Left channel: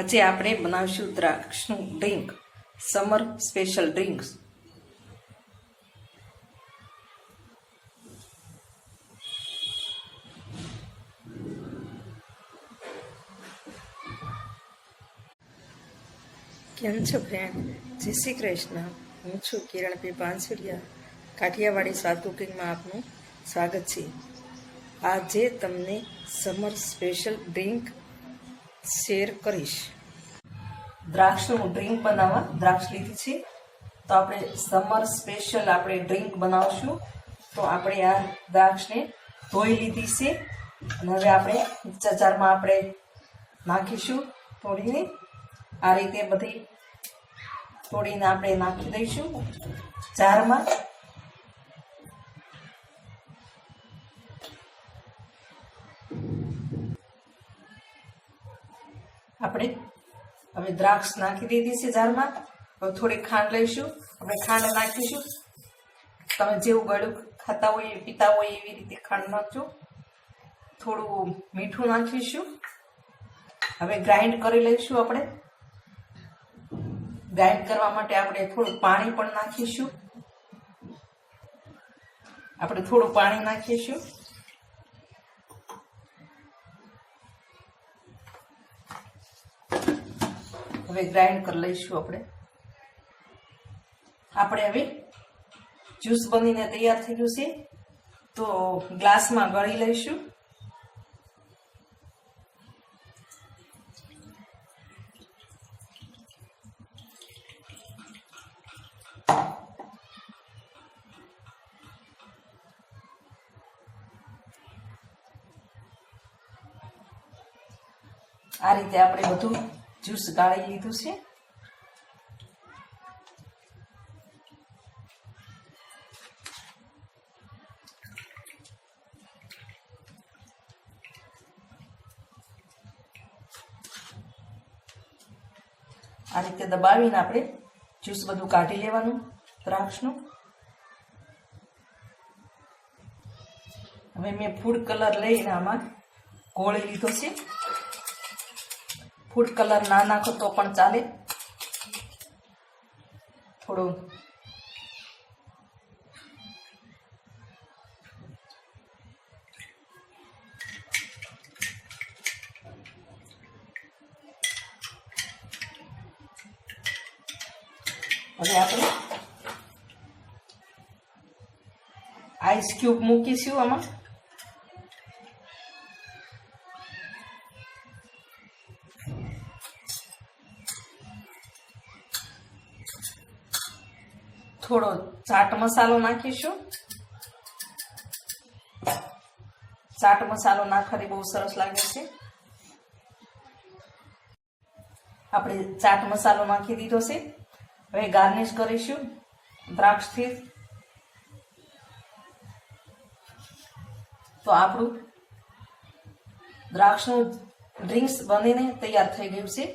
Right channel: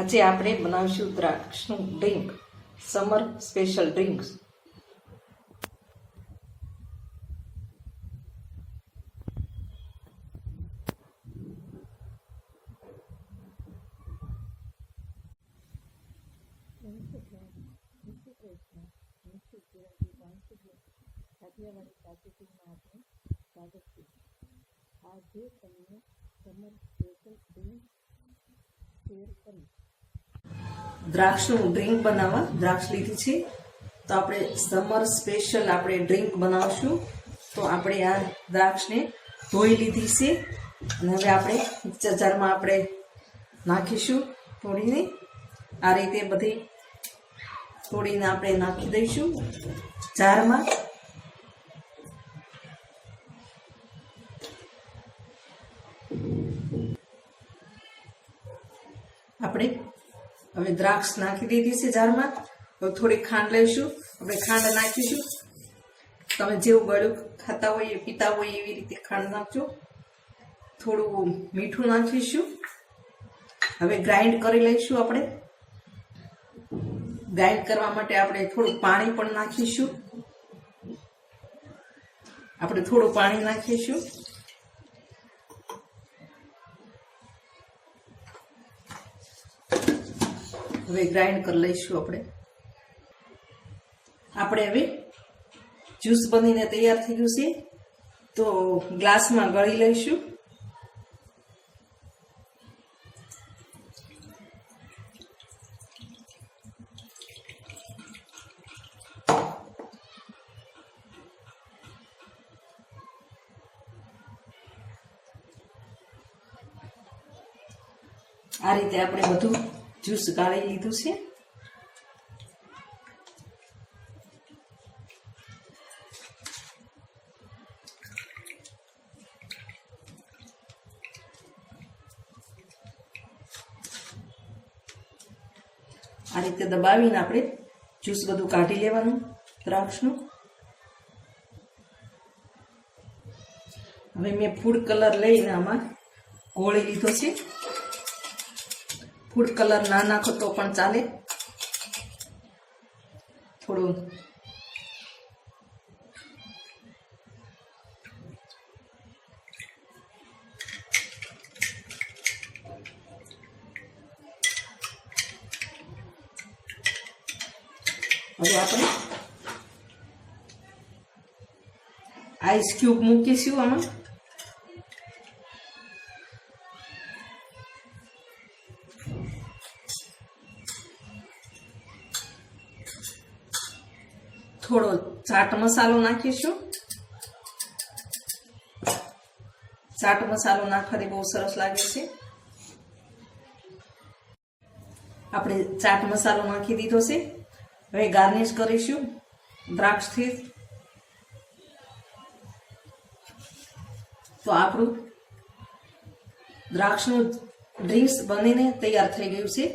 આજે આપણે બનાવીશું દ્રાક્ષનું ડ્રિંક, સમર સ્પેશિયલ ડ્રિંક્સ. કેમ છો ફ્રેન્ડ? જય શ્રી કૃષ્ણ. હું છું કિરણ પી પાનસુરિયા. કાઠિયાવાડી સ્વાદ કુકિંગમાં આપનું સ્વાગત છે. આજે તમને સમર સ્પેશિયલ ડ્રિંક શેર કરીશ. દ્રાક્ષનું ડ્રિંક બનાવવા દ્રાક્ષ લીધી છે, તો આપણે સમર સ્પેશિયલ આપણે ડ્રિંક બનાવશું. તો આપણે આ દ્રાક્ષને ધોઈ લીધી છે અને હવે આપણે મિક્સર જારમાં આપણે નાખીશું. તોડીને આ રીતે બધી તોડીને આપણે નાખી દઈશું જારમાં. આપણે હવે દ્રાક્ષ નાખી દીધી છે જારમાં. હવે થોડી ખાંડ લઈશું. આપણે ખાંડ નાખીશું. તમે જેવું ગળ્યું ખાતા હોય પીતા હોય એવી રીતે ખાંડ નાખજો. થોડું મીઠું નાખીશું. હવે ગ્રાઇન્ડ કરી લઈશું. આપણે ગ્રાઇન્ડ કરવા માટે આપણે થોડું પાણી પણ નાખીશું. આપણે થોડું પાણી નાખીશું. હવે ગ્રાઇન્ડ કરી લઈશું. આપણે હવે જ્યુસ બનીને તૈયાર થઈ ગયું છે, તો ગ્લાસમાં ગળી લઈશું. આ રીતે આપણે બધું જ્યુસ ગાળી લીધું છે. આ રીતે દબાવીને આપણે જ્યુસ બધું કાઢી લેવાનું દ્રાક્ષનું. હવે મેં ફૂડ કલર લઈને આમાં ગોળી લીધો છે. ફૂડ કલર ના નાખો તો પણ ચાલે. થોડું હવે આપણે આઈસ ક્યુબ મૂકીશું આમાં. થોડો ચાટ મસાલો નાખીશું. ચાટ મસાલો નાખવાથી બહુ સરસ લાગે છે. આપણે ચાટ મસાલો નાખી દીધો છે. હવે ગાર્નિશ કરીશું દ્રાક્ષથી. તો આપણું દ્રાક્ષનું ડ્રિંક્સ બનીને તૈયાર થઈ ગયું છે.